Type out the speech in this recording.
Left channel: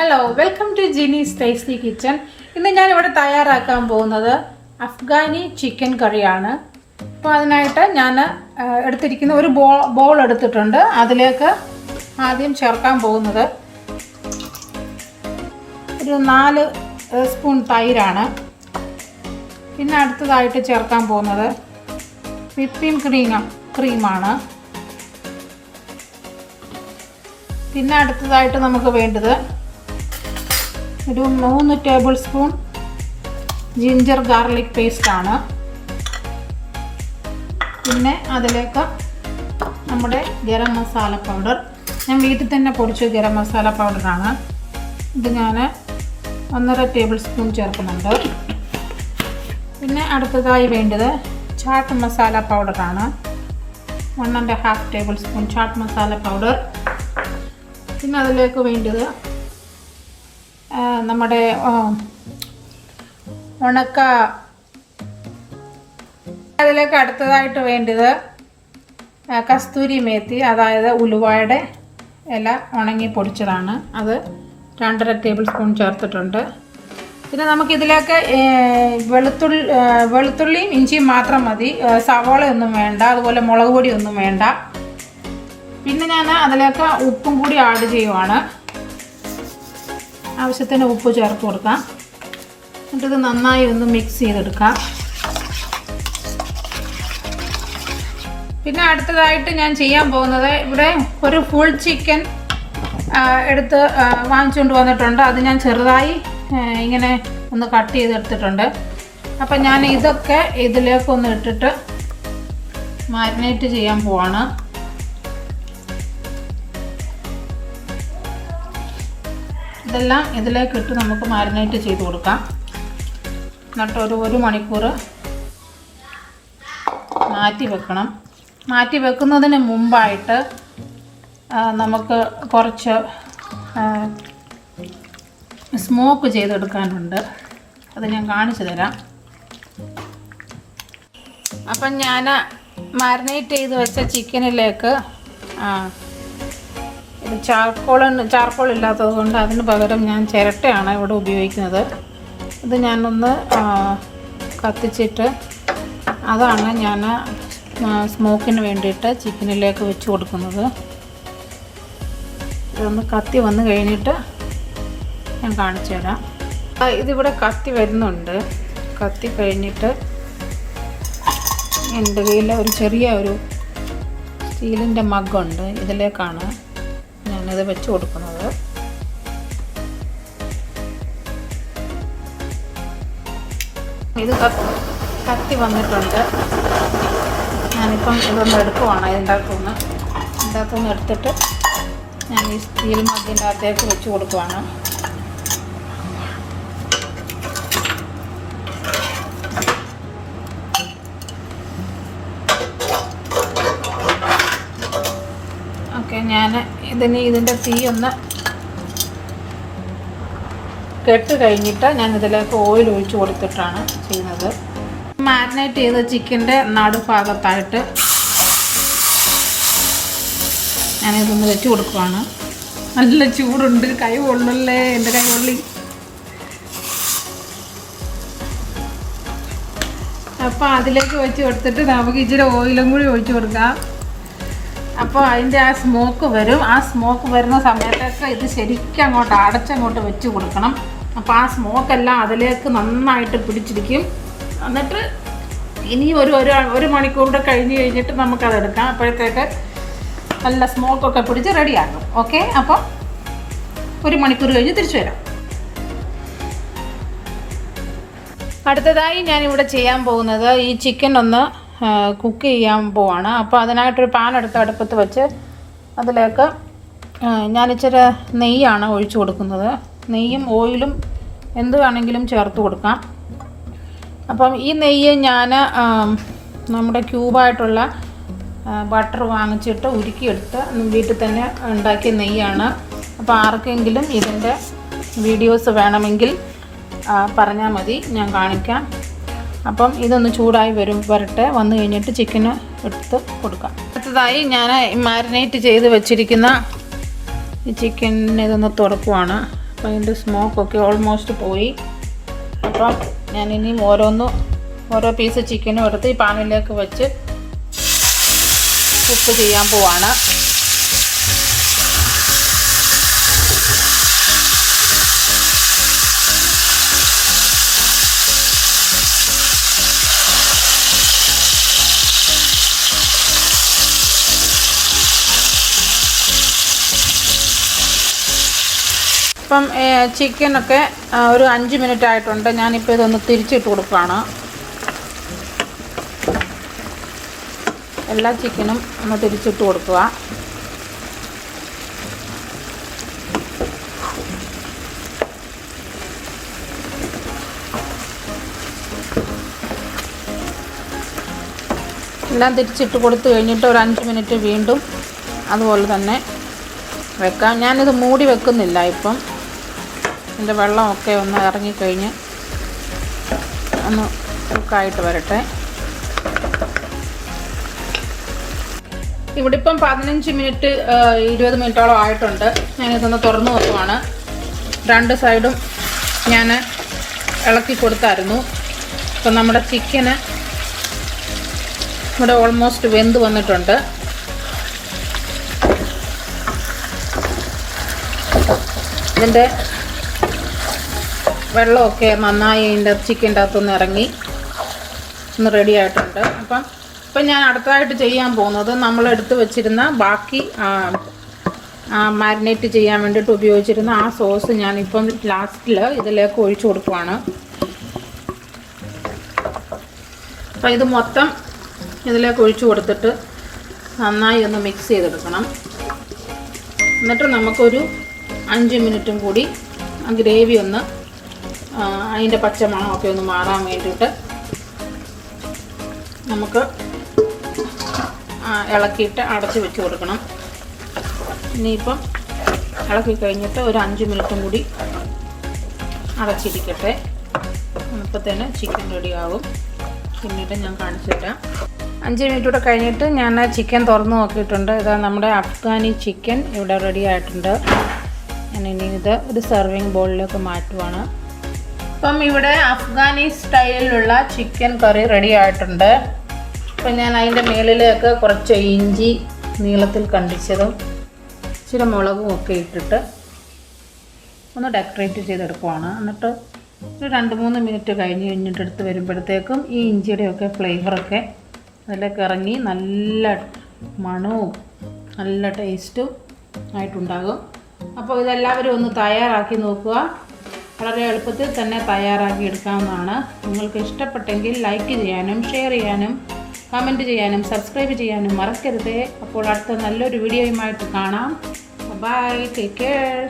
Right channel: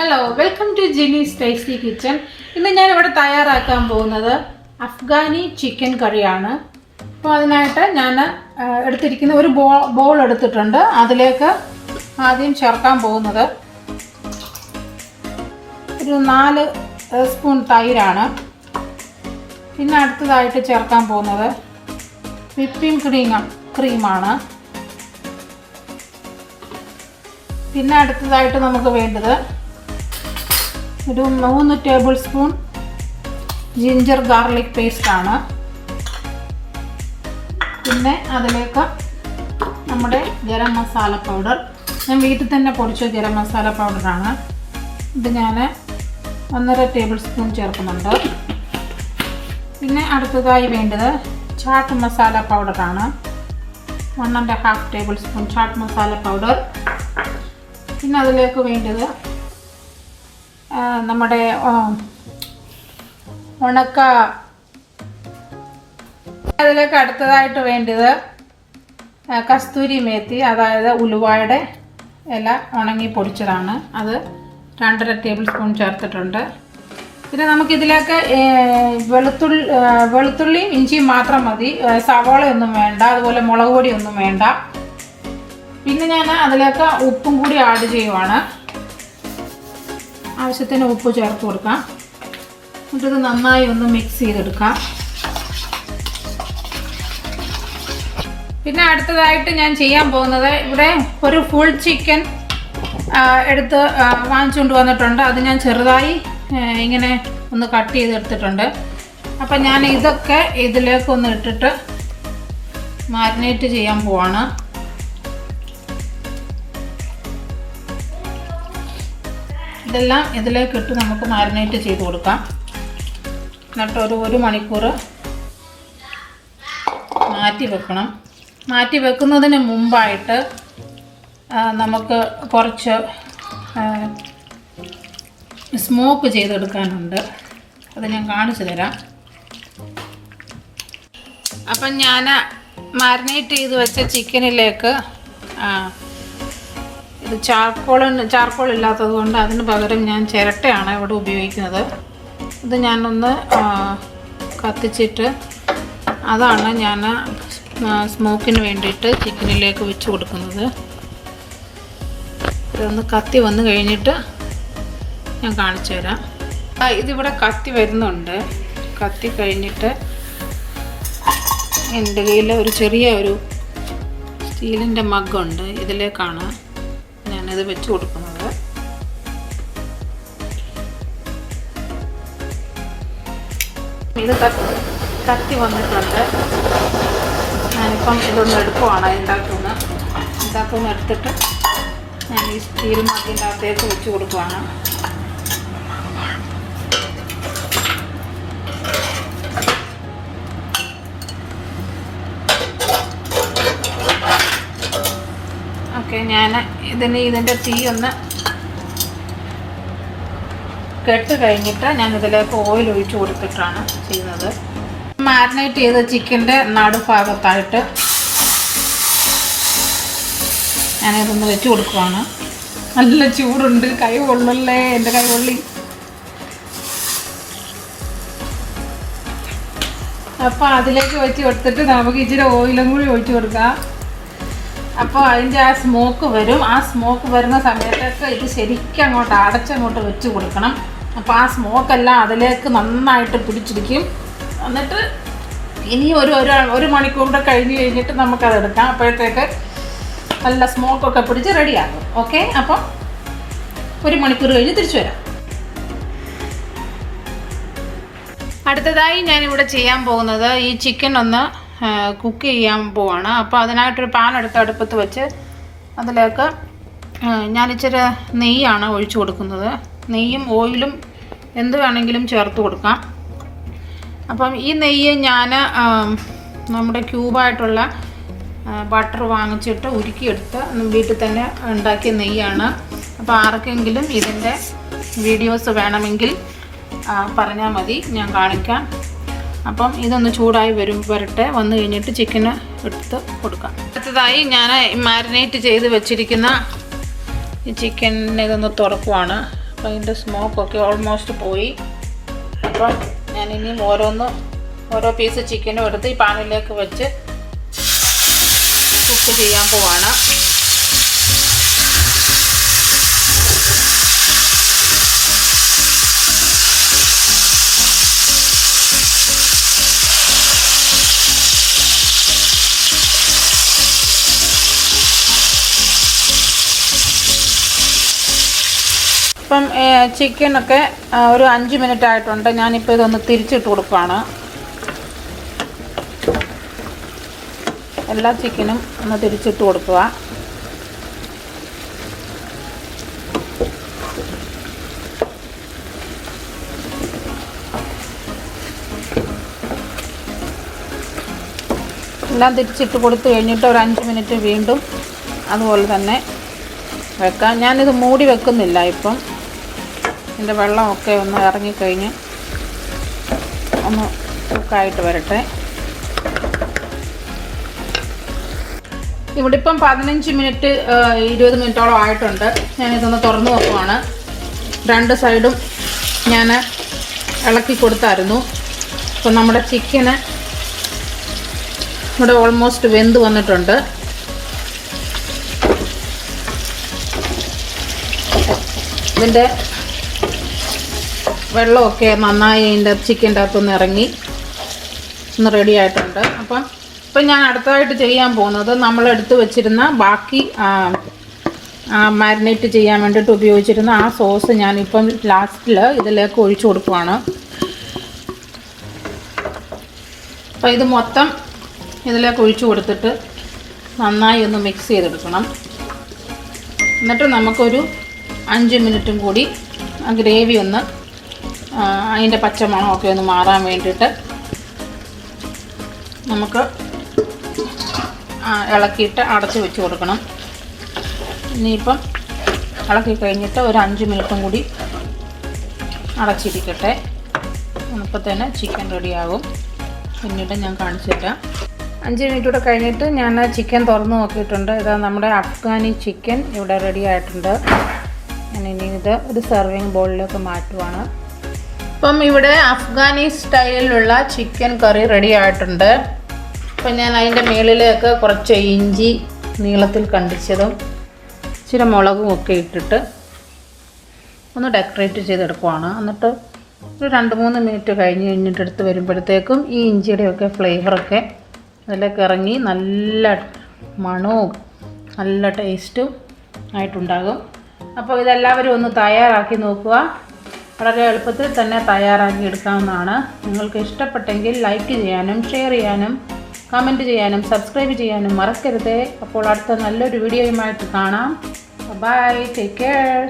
Hello, welcome to Jini's tasty kitchen. ഇന്ന് ഞാനിവിടെ തയ്യാറാക്കാൻ പോകുന്നത് അഫ്ഗാനി ചിക്കൻ കറിയാണ്. അപ്പോൾ അതിനായിട്ട് ഞാൻ എടുത്തിരിക്കുന്ന ഒരു ബോൾ എടുത്തിട്ടുണ്ട്. അതിലേക്ക് ആദ്യം ചേർക്കാൻ പോകുന്നത് ഒരു 4 സ്പൂൺ തൈരാണ്. പിന്നെ അടുത്തതായിട്ട് ചേർക്കാൻ പോകുന്നത് വിപ്പിംഗ് ക്രീമാണ്. പിന്നെ അടുത്തതായിട്ട് നമുക്ക് വേണ്ടത് ഒരു 3 ടേബിൾ സ്പൂൺ ജിഞ്ചർ ഗാർലിക് പേസ്റ്റാണ്. പിന്നെ അതിലേക്ക് നമ്മുടെ ഗരം മസാല പൗഡർ, ഞാൻ വീട്ടിൽ തന്നെ പൊടിച്ച ഗരം മസാല പൗഡറാണ്. ഇത് ഞാൻ 1.5 ടേബിൾ സ്പൂൺ ചേർക്കുന്നുണ്ട്. പിന്നെ അടുത്തതായി വേണ്ടത് ചാട്ട് മസാല പൗഡറാണ്. 1.5 tablespoon chaat masala powder. പിന്നെ അതിലേക്ക് വേണ്ടത് നമ്മുടെ ഉണക്ക, അതിലേക്ക് അടുത്തതായിട്ട് വേണ്ടത് കസ്തൂരി മേത്തി, അതായത് ഉലുവയുടെ ഇല ഉണങ്ങി പൊടിച്ചതാണ്. അത് 2.5 ടേബിൾ സ്പൂൺ ചേർത്തിട്ടുണ്ട്. പിന്നെ നമുക്കിതിലേക്ക് വെളുത്തുള്ളിയും ഇഞ്ചിയും മാത്രം മതി, സവാളയൊന്നും വേണ്ട, അതുപോലെ മുളക് പൊടിയൊന്നും വേണ്ട. പിന്നെ ഞാൻ അതിലേക്ക് ഉപ്പും കൂടി ആഡ് ചെയ്യുവാണ്. ആവശ്യത്തിന് ഉപ്പ് ചേർത്ത് കൊടുക്കാം. എന്നിട്ടിത് നന്നായി ഒന്ന് മിക്സ് ചെയ്തെടുക്കാം. പിന്നെ അടുത്തതായിട്ട് ഞാൻ ചെയ്യാൻ പോകുന്നത്, ഇവിടെ ഒരു ഫുൾ ചിക്കൻ എടുത്ത് വാങ്ങിച്ചുകൊണ്ട് വന്നിട്ടുണ്ട്. അത് ഞാൻ ചെറുതായി ഇങ്ങനെ ഒന്ന് കട്ട് ചെയ്തെടുത്തിട്ടുണ്ട്. അപ്പം ഞാൻ ഇതൊക്കെ ഇതിലേക്കൊന്ന് ഇട്ടിട്ട് മാരിനേറ്റ് ചെയ്യാൻ പോവാണ്. ഇതെല്ലാം ഇതിലേക്ക് ഇട്ട് നമുക്ക് മാരിനേറ്റ് ചെയ്ത് കൊടുക്കാം. എന്നിട്ട് ഒരു മണിക്കൂർ മാറ്റി വെക്കണം. മാറ്റി വെക്കുന്നതിന് മുമ്പായിട്ട് നമുക്ക് കുറച്ച് സ്മോക്ക് ചെയ്തെടുക്കാനുണ്ട്. അത് ഞാൻ കാണിച്ചു തരാം. അപ്പം ഞാൻ മാരിനേറ്റ് ചെയ്ത് വെച്ച ചിക്കനിലേക്ക് ഇത് ചാർക്കോൾ ഇല്ലാത്തത് കൊണ്ട് അതിന് പകരം ഞാൻ ചിരട്ടയാണ് ഇവിടെ ഉപയോഗിക്കുന്നത്. ഇത് ഞാനൊന്ന് കത്തിച്ചിട്ട് അതാണ് ഞാൻ സ്മോക്കിന് വേണ്ടിയിട്ട് ചിക്കനിലേക്ക് വെച്ച് കൊടുക്കുന്നത്. ഇതൊന്ന് കത്തി വന്ന് കഴിഞ്ഞിട്ട് ഞാൻ കാണിച്ചു തരാം. ഇതിവിടെ കത്തി വരുന്നുണ്ട്. കത്തി കഴിഞ്ഞിട്ട് എൻ്റെ കയ്യിൽ ഒരു ചെറിയ സ്റ്റീലിൻ്റെ മഗ്ഗുണ്ട്. ഇതിലേക്കാണ് ഞാനിത് വെച്ച് കൊടുക്കുന്നത്. ഇത് കത്തി വന്നിട്ടുണ്ട്. ഞാനിപ്പം ഇതൊന്ന് എടുക്കുവാണ്. ഇതിൻ്റെ അകത്തുനിന്ന് എടുത്തിട്ട് ഞാൻ ഈ സ്റ്റീൽ മഗ്ഗിൻ്റെ അകത്തേക്ക് വെച്ച് കൊടുക്കുവാണ്. ഓക്കെ, ഞാൻ ഇതിൻ്റെ തീ ഒന്ന് കെട്ട് കഴിഞ്ഞിട്ട് ഞാൻ ഇതിലേക്ക് ഓയിൽ ഒഴിച്ച് കൊടുത്തിട്ടാണ് ചെയ്യുന്നത്. മാരിനേറ്റ് ചെയ്ത ചിക്കൻ്റെ നടുഭാഗത്തായിട്ട് ഞാനിതൊന്ന് വെച്ച് കൊടുക്കുവാണ്. നല്ല ചൂടുണ്ട്, കൈ പൊള്ളല്ലേ, എൻ്റെ കൈ പൊള്ളി. അപ്പോൾ അതിലേക്ക് വെച്ച് കൊടുത്തിട്ട് നമുക്ക് ഇച്ചിരി ഓയിലും കൂടി ഒഴിച്ച് കൊടുക്കാം. അപ്പോൾ അതിൻ്റെ ആ സ്മോക്ക് വരും. ആ സ്മോക്ക് വരുന്ന സമയത്തൊക്കെ ഇത് ശരിക്കും അങ്ങോട്ട് അടച്ചങ്ങോട്ട് വെച്ച് കൊടുക്കണം. അപ്പോൾ ആ സ്മോക്കെല്ലാം അതിലേക്ക് നന്നായിട്ട് പിടിച്ചിരിക്കും. എന്നിട്ട് ഇനി ഒരു മണിക്കൂറിൻ്റെ കഴിഞ്ഞിട്ട് നമുക്കതെടുക്കാം. അപ്പോഴത്തേക്ക് നല്ല സ്മോക്കൊക്കെ പിടിച്ച് റെഡിയാകും. ഓക്കെ, അപ്പം 1 മണിക്കൂർ കഴിഞ്ഞ് തിരിച്ചു വരാം. അടുത്തതായി ഞാനിവിടെ ചെയ്യാൻ പോകുന്നത് ഈ ചിക്കൻ ഒന്ന് കുക്ക് ചെയ്യാൻ പോവാണ്. അപ്പോൾ അതിനായിട്ടൊരു പാൻ എടുത്ത് അടുപ്പത്ത് വെച്ച് അതിലേക്ക് ഞാനിച്ചിരി നെയ്യാണ് ഒഴിച്ചു കൊടുക്കുന്നത്. നെയ്യും ഓയിലും എന്ത് വേണമെങ്കിലും ചേർത്ത് കൊടുക്കാം. അപ്പം ഈ നെയ്യ് ഞാൻ നമ്മുടെ ക്യൂബായിട്ടുള്ള ബട്ടർ വാങ്ങിച്ചിട്ട് ഉരുക്കിയെടുത്ത് വീട്ടിൽ തന്നെ ഉണ്ടാക്കിയ നെയ്യാണ്. അപ്പോൾ ആർക്കെങ്കിലും ഇതിൻ്റെ വീഡിയോസ് വേണമെങ്കിൽ പറഞ്ഞാൽ മതി, ഞാൻ കാണിക്കാം. അപ്പം ഇതൊന്ന് ചൂടായി വരട്ടെ. വന്നു കഴിഞ്ഞിട്ട് ചിക്കന് എടുത്ത് കൊടുക്കാം. അടുത്തതായി ഞാൻ മാരിനേറ്റ് ചെയ്ത് വെച്ചിരിക്കുന്ന ഈ ചിക്കൻ ഇതൊന്ന് തുറക്കുവാണ്. അപ്പോൾ ഇതിൻ്റെ സ്മോക്കൊക്കെ ഓൾമോസ്റ്റ് പോയി. അപ്പം ഞാനിനി ഓരോ പീസ് ചിക്കനും എടുത്ത് ഈ പാനിലേക്ക് വെച്ച് കുക്ക് ചെയ്യാൻ പോവാണ്. ഇപ്പം ചിക്കനൊക്കെ ഒരു 5 മിനിറ്റ് ആയിട്ടുണ്ട്. ഞാനിപ്പോൾ ഇതൊന്ന് തിരിച്ചിട്ട് കൊടുക്കുകയാണ്. എല്ലാ ചിക്കനും ഒന്ന് തിരിച്ചിട്ട് കൊടുക്കുക. എല്ലാം തിരിച്ചിട്ട് കൊടുത്തു കഴിഞ്ഞിട്ട് ഒരു 5 മിനിറ്റ് വീണ്ടും അതുപോലെ തന്നെ വെക്കാം. ഞാനിത് മൂടി വെക്കുന്നില്ല. ഇപ്പം ഇതിൻ്റെ വെള്ളമൊക്കെ ഒന്ന് ഇറങ്ങിക്കഴിഞ്ഞ് ഒന്ന് കുക്കായിട്ട് വരട്ടെ. ഇവിടെ ഇപ്പം 15 മിനിറ്റ് 20 മിനിറ്റോളം ആയിട്ടുണ്ട്. ഞാനിതൊന്ന് തുറന്ന് നോക്കുവാണ്. 2 സൈഡും ഞാൻ ഇളക്കി കൊടുത്തായിരുന്നു. ഇപ്പം നമ്മുടെ ചിക്കന് ഇവിടെ ഓൾമോസ്റ്റ് വെന്ത് വന്നിട്ടുണ്ട്. ഇതിൻ്റെ വെള്ളമൊക്കെ നന്നായി അതിൻ്റെ ചിക്കൻ്റെ അകത്തൊന്ന് ഇറങ്ങി ഒന്ന് റെഡി ആയിട്ടുണ്ട്. ഇപ്പം ഞാൻ അടുത്തതായിട്ട് ചെയ്യാൻ പോകുന്നത് നമ്മളെടുത്ത് വെച്ചിരുന്ന ബാക്കി മാരിനേറ്റ് ചെയ്യാൻ വേണ്ടിയിട്ട് ഉപയോഗിച്ചിരുന്ന ആ സോസ് ഞാനിപ്പം ലാസ്റ്റിൽ ഇതിലേക്ക് ഒഴിച്ചു കൊടുക്കുവാണ്. അപ്പോൾ ഇത് മൊത്തം ഇതിലേക്ക് ഒഴിച്ചു കൊടുത്തിട്ട് നന്നായി ഒന്ന് മിക്സ് ചെയ്തെടുക്കണം. എന്നിട്ട് നമുക്കൊരു 5 മിനിറ്റും കൂടി ആ ഗ്രേവി ഒന്ന് അതിൻ്റെ പച്ചമണമൊക്കെ ഒന്ന് മാറാൻ വേണ്ടിയിട്ട് നമുക്ക് ഇളക്കിയിട്ട് അടച്ച് വെച്ച് കൊടുക്കണം. ഇനിയിപ്പം ഇളക്കി കഴിഞ്ഞിട്ട് ഒരു 5 മിനിറ്റും കൂടി അടച്ചിരിക്കട്ടെ. അപ്പോൾ തന്നെ ചിക്കൻ റെഡിയാകും. പിന്നീട് ഞാൻ കാണിച്ചു തരാം. 5 മിനിറ്റ് കൂടെ കഴിഞ്ഞിട്ട് ഞാൻ ചിക്കൻ തുറന്ന് നോക്കിയിട്ടുണ്ട്. ഇതാ നമ്മുടെ അഫ്ഗാനി ചിക്കൻ ഇവിടെ റെഡി ആയിട്ടുണ്ട്. ഞാനിനി ഇത് ഒരു സെർവിങ് ബൗളിലേക്ക് മാറ്റുവാണ്. അപ്പം ഇവിടെ അഫ്ഗാനി സ്റ്റൈലിലുള്ള ചിക്കൻ കറി റെഡി ആയിട്ടുണ്ട്. അപ്പം ഞാൻ അതിൻ്റെ മുകളിലേക്ക് കുറച്ച് ഇഞ്ചി നീളത്തിൽ കണ്ടിച്ചതും ഇച്ചിരി മുളകും ഒക്കെ ഇട്ടിട്ട് ഒന്ന് ഡെക്കറേറ്റ് ചെയ്തെടുക്കുവാണ്. എന്നിട്ട് ഒരു 2-3 മിനിറ്റ് കഴിഞ്ഞിട്ട് എടുത്ത് വരുമ്പോഴത്തേക്കും ഈ ഇഞ്ചിയുടെയൊക്കെ ഫ്ലേവറൊക്കെ അതിലേക്ക് ഇറങ്ങി നല്ല മണവും നല്ല ടേസ്റ്റും ആയിട്ടുണ്ടാകും. അപ്പോൾ ഇതെല്ലാവരും ഒന്ന് തയ്യാറാക്കി നോക്കുക. വളരെ എളുപ്പത്തിൽ തന്നെ തയ്യാറാക്കി എടുക്കാവുന്നതാണ്. നിങ്ങൾക്ക് ഇഷ്ടപ്പെട്ടെങ്കിൽ ലൈക്ക് ചെയ്യാനും ഷെയർ ചെയ്യാനും കമൻറ്റ് ചെയ്യാനും സബ്സ്ക്രൈബ് ചെയ്യാനും മറക്കരുത്. അപ്പോൾ അടുത്ത നല്ലൊരു വീഡിയോയുമായിട്ട് കാണാം. Bye, take care.